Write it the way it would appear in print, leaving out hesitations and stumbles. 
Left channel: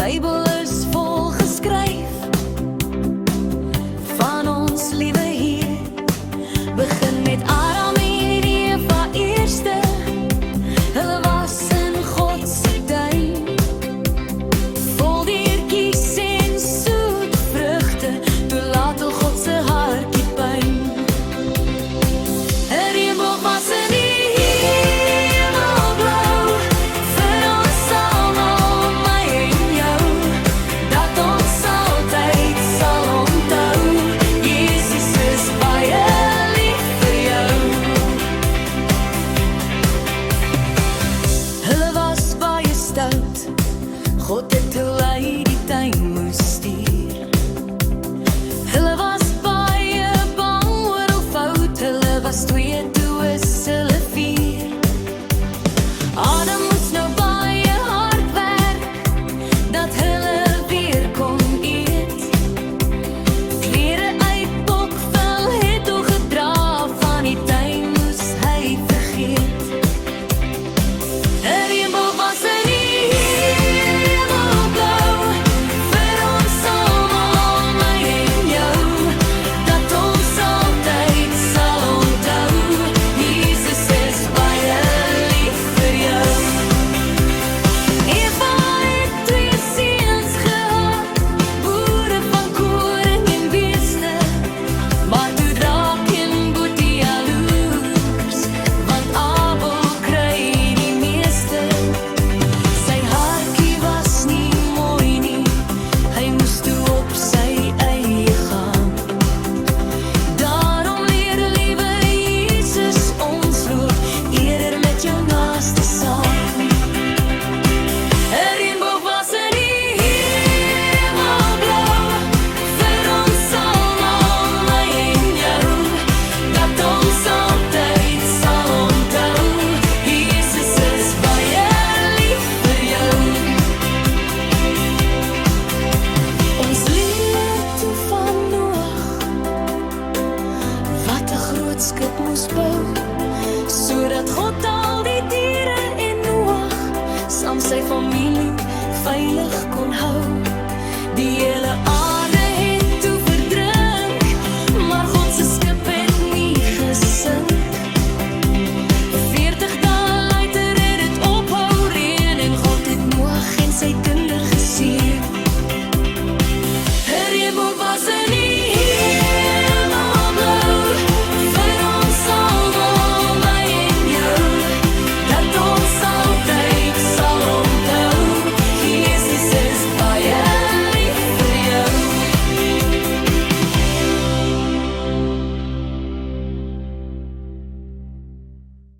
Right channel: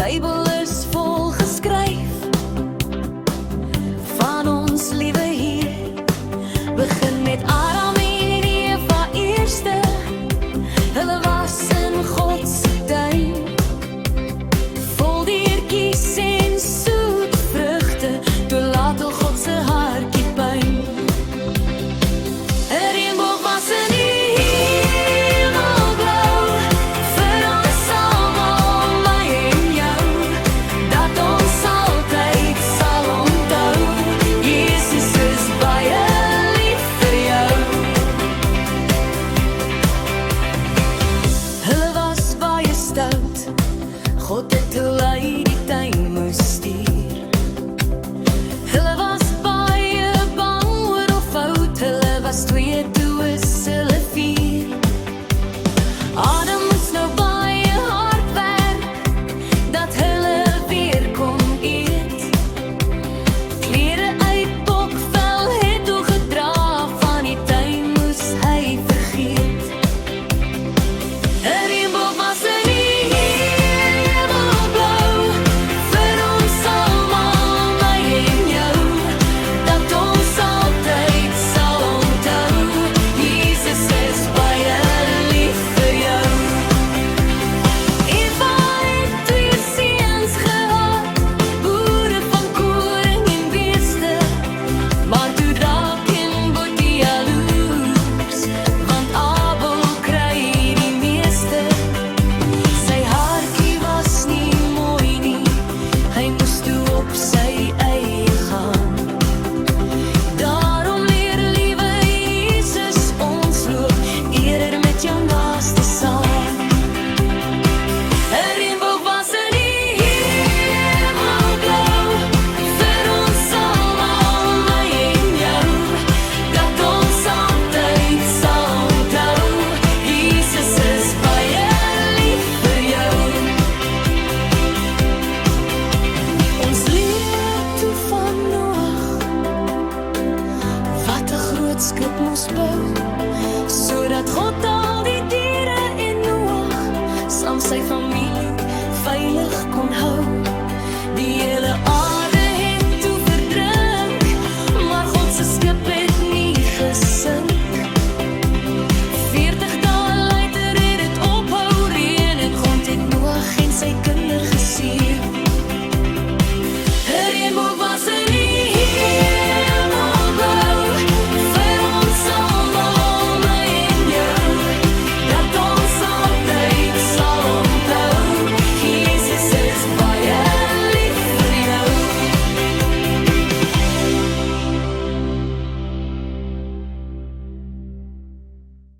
Bybel is vol geskryf van ons liewe Heer. Begin met Adam en Eva eerste. Hulle was in God se tuin, vol diertjies en soet vrugte, toe laat al God se hartjie pyn. 'n Reënboog was in die hemelblou, vir ons almal, my en jou, dat ons altyd sal onthou, Jesus is baie lief vir jou. Hulle was baie stout, God het hulle uit die tuin moes stuur. Hulle was baie bang oor hoe fout hulle was, twee toe is hulle vier. Adam moes nou baie hard werk, dat hulle weer kon eet. Klere uit bokvel het hoe gedra, van die tuin moes hy vergeet. 'n Reënboog was in die hemelblau, vir ons almal, my en jou, dat ons altyd sal onthou, Jesus is baie lief vir jou. Eva het twee seuns gehad, boere van koring en beeste, maar toe draak en boetie jaloers, want Abel kry die meeste. Sy hartjie was nie mooi nie, hy moes toe op sy eie gaan. Daarom leer liewe Jesus ons loop, eerder met jou naaste saam. 'n Reënboog was in die hemelblou, vir ons almal, my en jou, dat ons altyd sal onthou, Jesus is baie lief vir jou. Ons leer toe van Noag, wat 'n groot skip moes bou, sodat God al die diere en Noag saam sy familie veilig kon hou. Die hele aarde het toe verdrink, maar God se skip het nie gesink. 40 dae later het dit ophou reën, en God het Noag en sy kinder geseën. 'n Reënboog was in die